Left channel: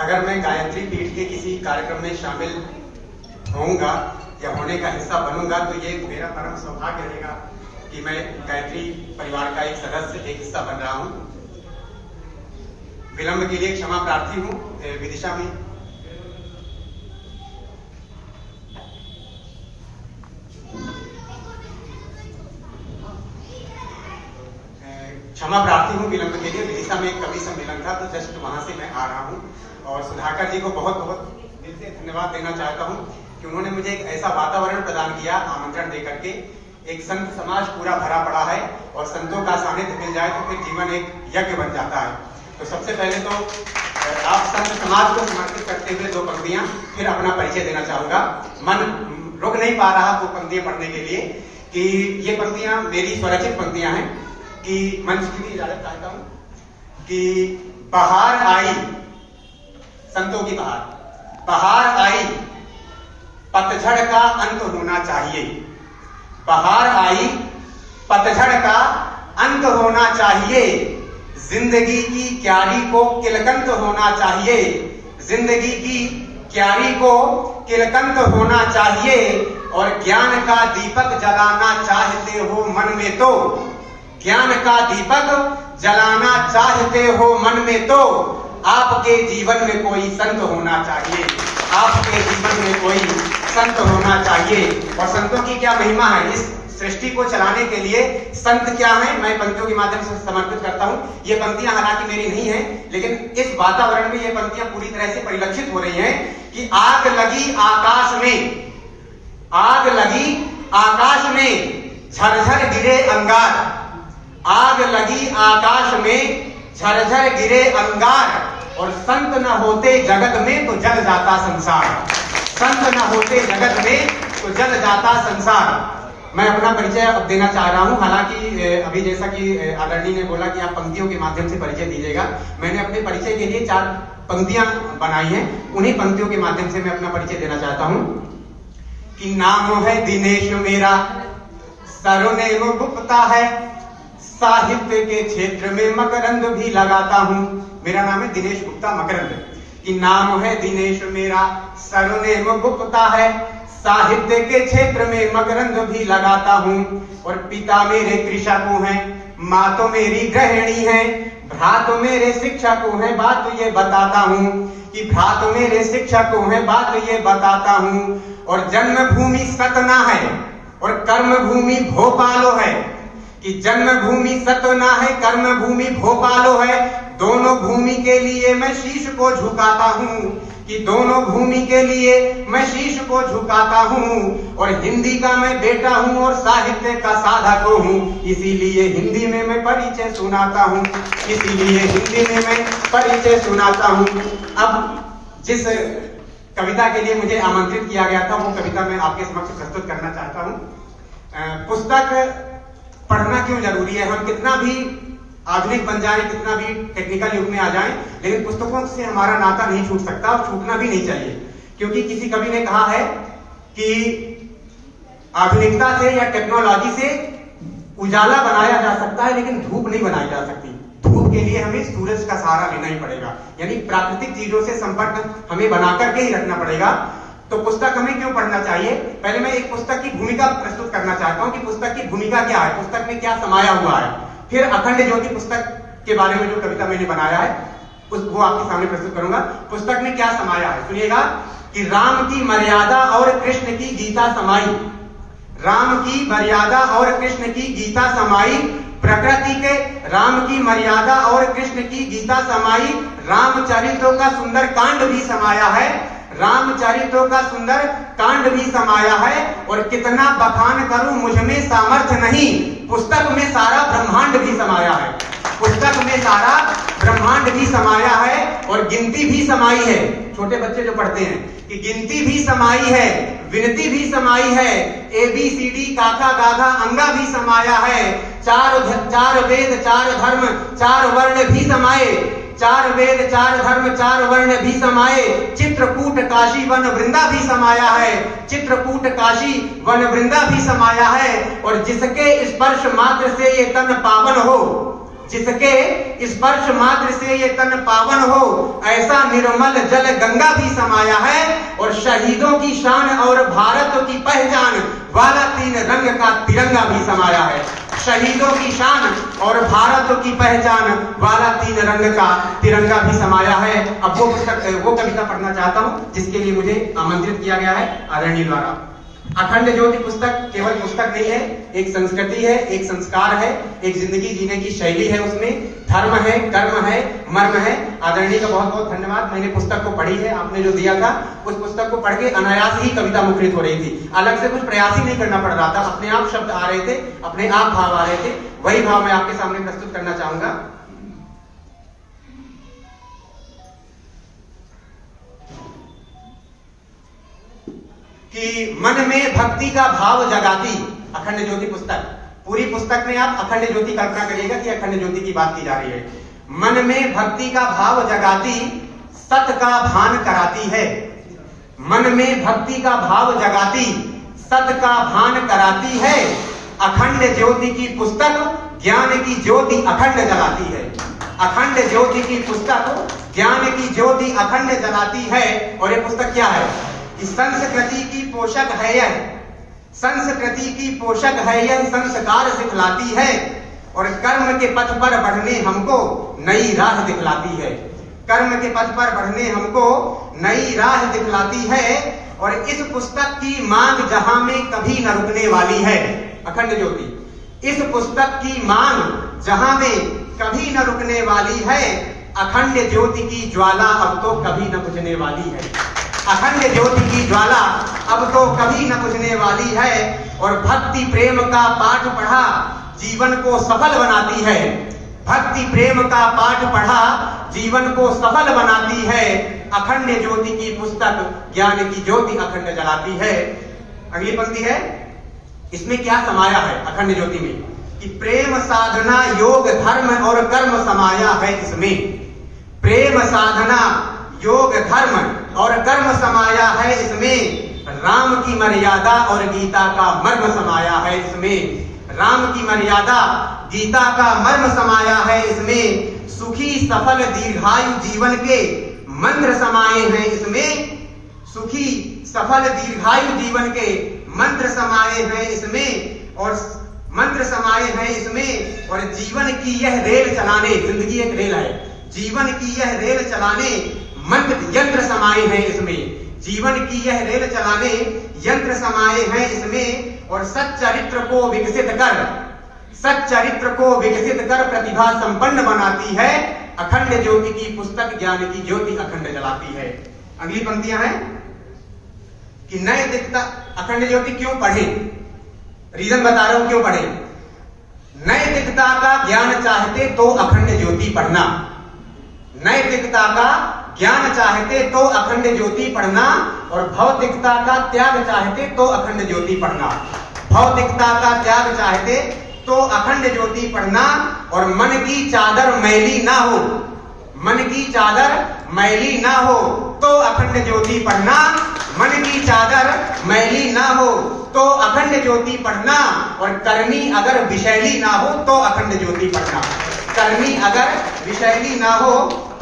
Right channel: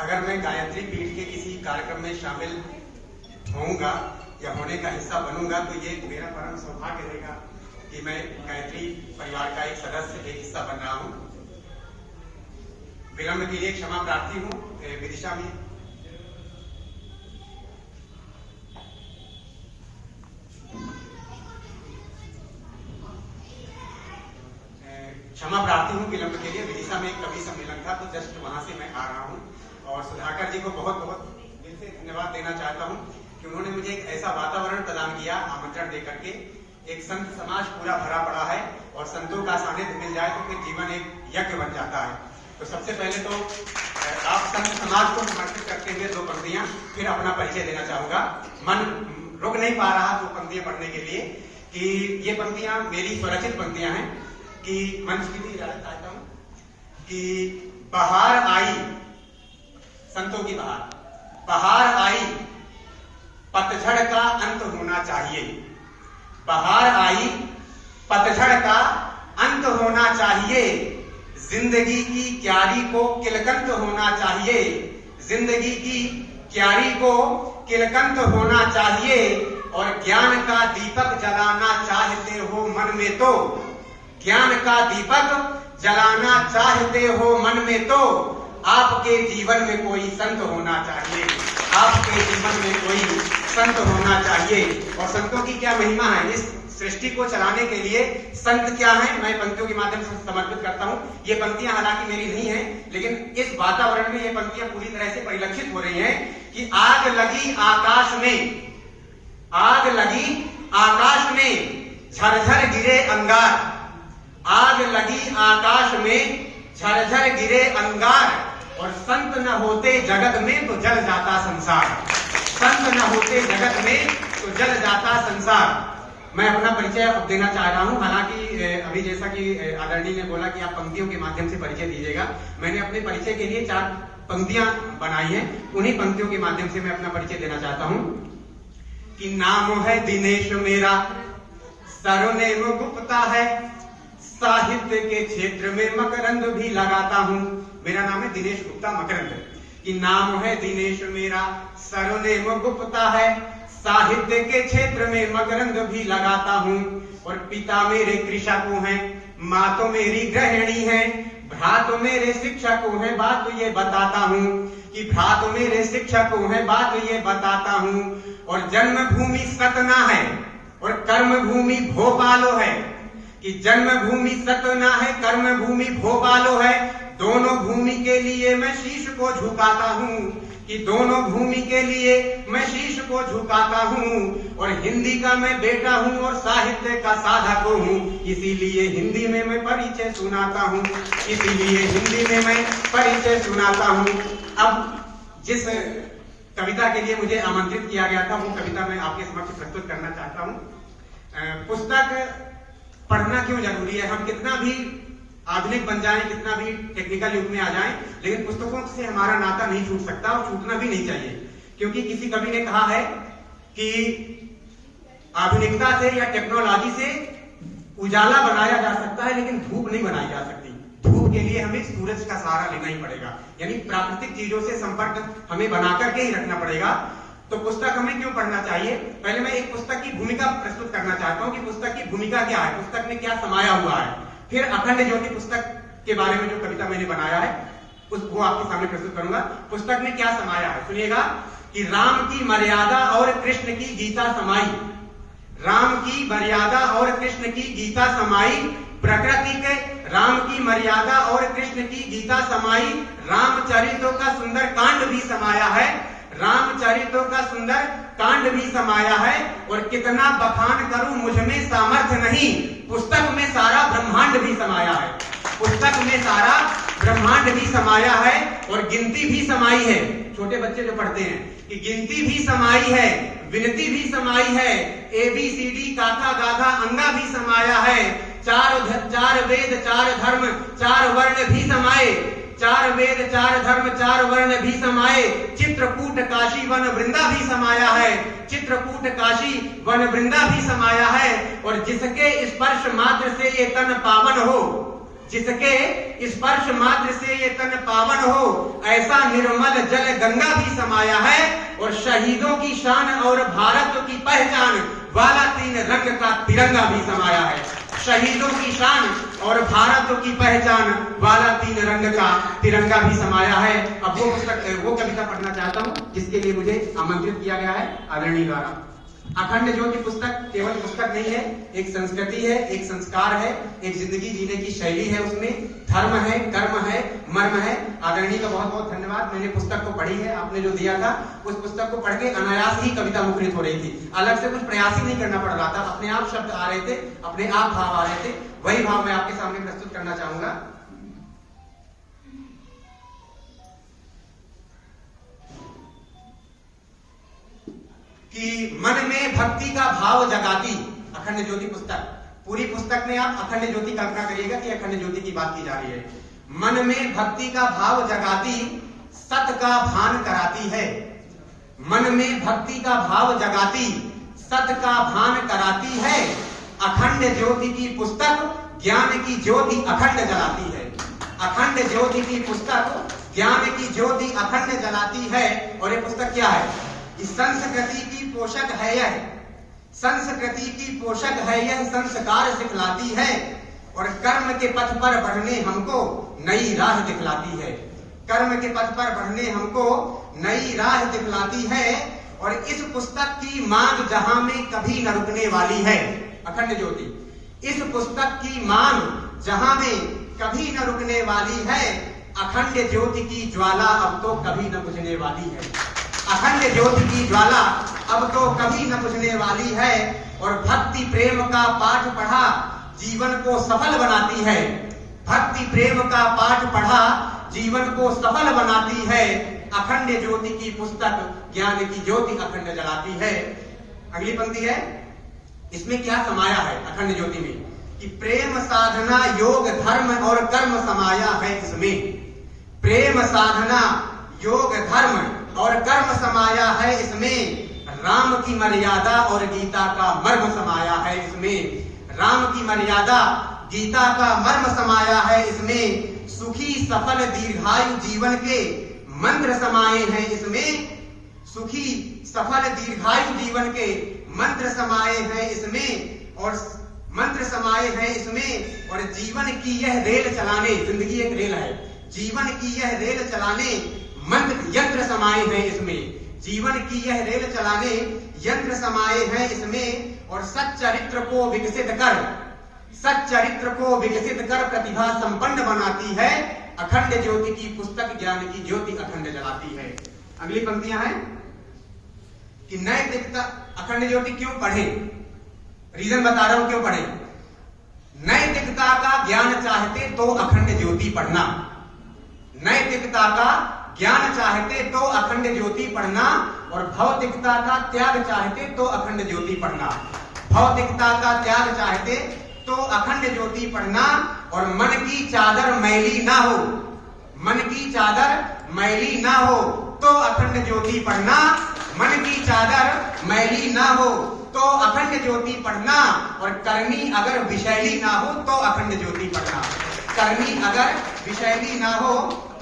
अगर मैं गायत्री पीठ के किसी कार्यक्रम में शामिल होऊंगा या होने का हिस्सा बनूंगा तो ये मेरा परम सौभाग्य रहेगा कि मैं गायत्री परिवार का एक सदस्य, एक हिस्सा बन रहा हूं। विलंब के लिए क्षमा प्रार्थी हूं। विदिशा में क्षमा प्रार्थी हूँ विलंब के लिए। विदिशा में एक कवि सम्मेलन था तो जस्ट वहां से मैं आ रहा हूँ और सुधाकर जी को बहुत बहुत दिल से धन्यवाद देना चाहता हूँ कि उन्होंने मुझे एक ऐसा वातावरण प्रदान किया, आमंत्रण देकर के। एक संत समाज पूरा भरा पड़ा है और संतों का सानिध्य मिल जाए तो फिर जीवन एक यज्ञ बन जाता है। तो सबसे पहले तो आप संत समाज को समर्पित करते हुए दो पंक्तियां, फिर अपना परिचय देना चाहूंगा। मन रुक नहीं पा रहा दो पंक्तियां पढ़ने के लिए कि ये पंक्तियां मेरी स्वरचित पंक्तियां हैं कि मंच की भी इजाजत चाहता हूं कि बहार आई, संतों की बहार आई, पतझड़ का अंत होना चाहिए। बहार आई, पतझड़ का अंत होना चाहिए। जिंदगी की क्यारी को किलकंत होना चाहिए। जिंदगी की क्यारी को किलकंत होना चाहिए। और ज्ञान का दीपक जलाना चाहते हो मन में तो, ज्ञान का दीपक जलाना चाहते हो मन में तो आपके जीवन में कोई संत होना चाहिए। आपके जीवन में कोई संत होना चाहिए। और संतों की क्या महिमा है, इस सृष्टि को चलाने के लिए संत क्या है, मैं पंक्तियों के माध्यम से समर्पित करता हूं। ये पंक्तियां हालांकि मेरी नहीं है, लेकिन इस वातावरण में ये पंक्तियां पूरी तरह से परिलक्षित हो रही हैं कि आग लगी आकाश में, आग लगी आकाश में, झरझर गिरे अंगार। आग लगी आकाश में, झरझर गिरे अंगार। और संत न होते जगत में तो जल जाता संसार। संत न होते जगत में तो जल जाता संसार। मैं अपना परिचय अब देना चाह रहा हूं। हालांकि अभी जैसा कि आदरणीय ने बोला कि आप पंक्तियों के माध्यम से परिचय दीजिएगा, मैंने अपने परिचय के लिए 4 पंक्तियां बनाई हैं। उन्हीं पंक्तियों के माध्यम से मैं अपना परिचय देना चाहता हूं कि नाम है दिनेश मेरा, सरनेम गुप्ता है, साहित्य के क्षेत्र में मकरंद भी लगाता हूं। मेरा नाम है दिनेश गुप्ता मकरंद। कि नाम है दिनेश मेरा, सरनेम गुप्ता है, साहित्य के क्षेत्र में मकरंद भी लगाता हूं। और पिता मेरे कृषक हैं, माँ तो मेरी गृहिणी है, भ्रा तो मेरे शिक्षक हैं, बात तो ये बताता हूं कि भ्रा तो मेरे शिक्षक हैं, बात तो ये बताता हूं। और जन्मभूमि सतना है और कर्मभूमि भोपालो है। कि जन्मभूमि सतना है, कर्मभूमि भोपालो है। दोनों भूमि के लिए मैं शीश को झुकाता हूँ। कि दोनों भूमि के लिए मैं शीश को झुकाता हूँ। और हिंदी का मैं बेटा हूँ और साहित्य का साधक हूँ, इसीलिए हिंदी में मैं परिचय सुनाता हूँ। इसीलिए हिंदी में मैं परिचय सुनाता हूँ। अब जिस कविता के लिए मुझे आमंत्रित किया गया था वो कविता मैं आपके समक्ष प्रस्तुत करना चाहता हूँ। पुस्तक पढ़ना क्यों जरूरी है, हम कितना भी आधुनिक बन जाएं, कितना भी टेक्निकल युग में आ जाएं, लेकिन पुस्तकों से हमारा नाता नहीं छूट सकता और छूटना भी नहीं चाहिए। क्योंकि किसी कवि ने कहा है कि आधुनिकता से या टेक्नोलॉजी से उजाला बनाया जा सकता है लेकिन धूप नहीं बनाई जा सकती। धूप के लिए हमें सूरज का सहारा लेना ही पड़ेगा, यानी प्राकृतिक चीजों से संपर्क हमें बना करके ही रखना पड़ेगा। तो पुस्तक हमें क्यों पढ़ना चाहिए, पहले मैं एक पुस्तक की भूमिका प्रस्तुत करना चाहता हूं कि पुस्तक की भूमिका क्या है, पुस्तक में क्या समाया हुआ है। फिर अखंड ज्योति पुस्तक के बारे में जो कविता मैंने बनाया है वो आपके सामने प्रस्तुत करूंगा। पुस्तक में क्या समाया है सुनिएगा कि राम की मर्यादा और कृष्ण की गीता समाई। राम की मर्यादा और कृष्ण की गीता समाई। प्रकृति के राम की मर्यादा और कृष्ण की गीता समाई। रामचरितों का सुंदर कांड भी समाया है। रामचरितों का सुंदर कांड भी समाया है। और कितना बखान करूं मुझ में सामर्थ्य नहीं, पुस्तक में सारा ब्रह्मांड भी समाया है। पुस्तक में सारा ब्रह्मांड भी समाया है और गिनती भी समाई है। छोटे बच्चे जो पढ़ते हैं कि गिनती भी समाई है, विनती भी समाई है, ABCD काका गाधा अंगा भी समाया है। चार वेद चार धर्म चार वर्ण भी समाये। 4 वेद 4 धर्म 4 वर्ण भी समाये। चित्रकूट काशी वन वृंदा भी समाया है। चित्रकूट काशी वन वृंदा भी समाया है। और जिसके स्पर्श मात्र से ये तन पावन हो, जिसके स्पर्श मात्र से ये तन पावन हो, ऐसा निर्मल जल गंगा भी समाया है। और शहीदों की शान और भारत की पहचान वाला 3 रंग का तिरंगा भी समाया है। शहीदों की शान और भारत की पहचान वाला 3 रंग का तिरंगा भी समाया है। अब वो कविता पढ़ना चाहता हूं जिसके लिए मुझे आमंत्रित किया गया है आदरणीय द्वारा। अखंड ज्योति पुस्तक केवल पुस्तक नहीं है, एक संस्कृति है, एक संस्कार है, एक जिंदगी जीने की शैली है। उसमें धर्म है, कर्म है, मर्म है। आदरणीय का बहुत बहुत धन्यवाद। मैंने पुस्तक को पढ़ी है, आपने जो दिया था उस पुस्तक को पढ़ के अनायास ही कविता मुखरित हो रही थी। अलग से कुछ प्रयास ही नहीं करना पड़ रहा था, अपने आप शब्द आ रहे थे, अपने आप भाव आ रहे थे। वही भाव मैं आपके सामने प्रस्तुत करना चाहूंगा। कि मन में भक्ति का भाव जगाती अखंड ज्योति पुस्तक। पूरी पुस्तक में आप अखंड ज्योति कल्पना करिएगा कि अखंड ज्योति की बात की जा रही है। मन में भक्ति का भाव जगाती, सत का भान कराती है। मन में भक्ति का भाव जगाती, सत का भान कराती है। अखंड ज्योति की पुस्तक ज्ञान की ज्योति अखंड जलाती है। अखंड ज्योति की पुस्तक ज्ञान की ज्योति अखंड जलाती है। और ये पुस्तक क्या है? संस्कृति की पोषक है यह, संस्कृति की पोषक है यह, संस्कार सिखलाती है। और कर्म के पथ पर बढ़ने हमको नई राह दिखलाती है। कर्म के पथ पर बढ़ने हमको नई राह दिखलाती है। और इस पुस्तक की मांग जहां में कभी न रुकने वाली है। अखंड ज्योति, इस पुस्तक की मांग जहां में कभी न रुकने वाली है। अखंड ज्योति की ज्वाला अब तो कभी न बुझने वाली है। अखंड ज्योति की ज्वाला अब तो कभी न बुझने वाली है। और भक्ति प्रेम का पाठ पढ़ा जीवन को सफल बनाती है। भक्ति प्रेम का पाठ पढ़ा जीवन को सफल बनाती है। अखंड ज्योति की पुस्तक ज्ञान की ज्योति अखंड जलाती है। अगली पंक्ति है, इसमें क्या समाया है अखंड ज्योति में? कि प्रेम साधना योग धर्म और कर्म समाया है इसमें। प्रेम साधना योग धर्म और कर्म समाया है इसमें। राम की मर्यादा और गीता का मर्म समाया है इसमें। राम की मर्यादा गीता का मर्म समाया है इसमें। सुखी सफल दीर्घायु जीवन के मंत्र समाये हैं इसमें। सुखी सफल दीर्घायु जीवन के मंत्र समाये हैं इसमें। और मंत्र समाये हैं इसमें। और जीवन की यह रेल चलाने, जिंदगी एक रेल है, जीवन की यह रेल चलाने मंत्र यंत्र समाये हैं इसमें। जीवन की यह रेल चलाने यंत्र समाये हैं इसमें। और सच्चरित्र को विकसित कर, सच्चरित्र को विकसित कर प्रतिभा संपन्न बनाती है। अखंड ज्योति की पुस्तक ज्ञान की ज्योति अखंड जलाती है। अगली पंक्तियां हैं कि नैतिकता, अखंड ज्योति क्यों पढ़े? रीजन बता रहा हूं क्यों पढ़े। नैतिकता का ज्ञान चाहते तो अखंड ज्योति पढ़ना। नैतिकता का ज्ञान चाहते तो अखंड ज्योति पढ़ना। और भौतिकता का त्याग चाहते तो अखंड ज्योति पढ़ना। भौतिकता का त्याग चाहते तो अखंड ज्योति पढ़ना। और मन की चादर मैली ना हो, मन की चादर मैली ना हो तो अखंड ज्योति पढ़ना। मन की चादर मैली ना हो तो अखंड ज्योति पढ़ना। और करनी अगर विषैली ना हो तो अखंड ज्योति पढ़ना। करनी अगर विषैली ना हो